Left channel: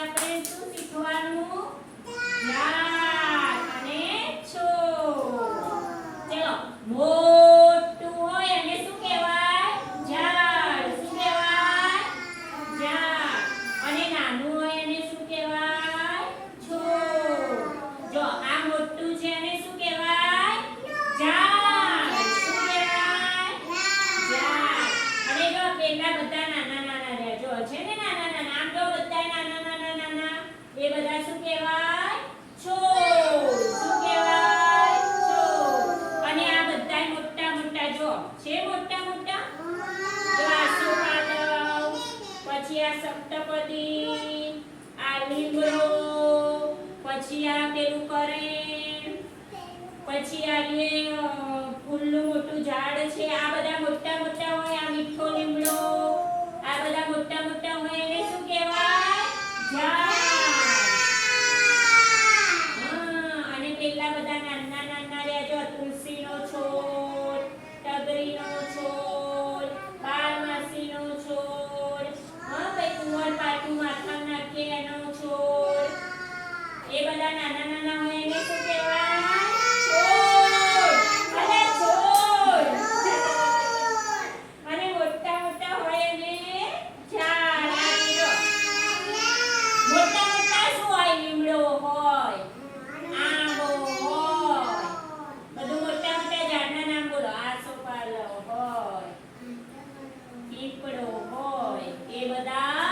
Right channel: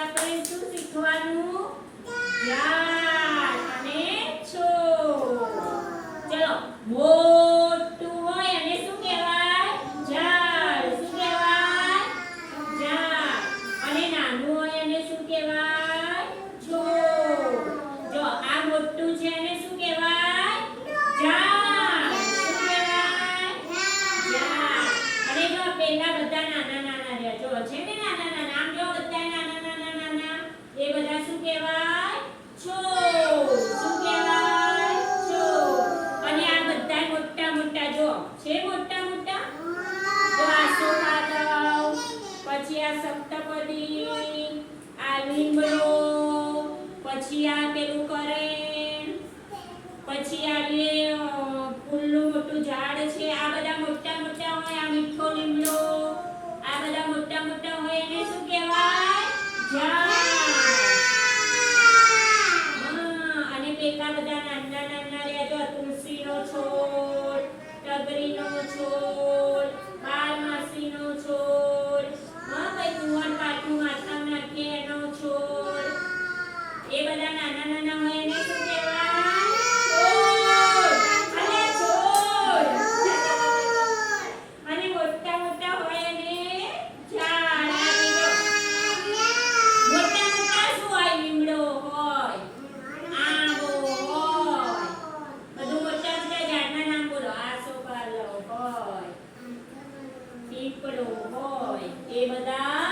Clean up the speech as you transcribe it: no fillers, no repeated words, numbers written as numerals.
આપણે શું શીખવાનું? ઝાડ અને છોડ. ચલો, મોટું હોય અને શું કહેવાય? ઝાડ. શું કહેવાય? ઝાડ. અને નાનું હોય અને શું કહેવાય? છોડ. જો આ મોટું છે અને શું કહેવાય? ઝાડ. શું કહેવાય? ઝાડ. અને જો પેલા બધા નાના નાના રહ્યા. જો છે ને નાના નાના, આમ જો બધા નાના નાના એ બધા શું કહેવાય? છોડ. શું કહેવાય? છોડ. અને આ બધા મોટા મોટા જો છે મોટા મોટા. જો આ સોપાલવ, પછી આ સપ્તપદી, આ લીમડો, પછી આ પેલું કરેણ, પછી આ જે ફૂલનું મોટું ઝાડ છે, આ બધા મોટા મોટા હોય. આ મીઠો લીમડો, આ બધા મોટા મોટા હોય એને શું કહેવાય? ઝાડ. અને પેલા બધા નાના નાના રહ્યા. જો તુલસીનો છોડ, ટગરીનો છોડ, બારમાસીનો છોડ, પછી કુંવર પાટું માથામાં નાખીએ એનો છોડ. એ બધા નાના નાના હોય એને શું કહેવાય? છોડ. અરે છોડ. અને મોટા મોટા હોય એને ઝાડ. આ લીમડો. મોટા મોટા શું હોય? લીમડો હોય, આંબો હોય. બધું મોટા મોટા ઝાડના નામ બોલો. આસોપાલવ હોય, પીપળો હોય. એ બધા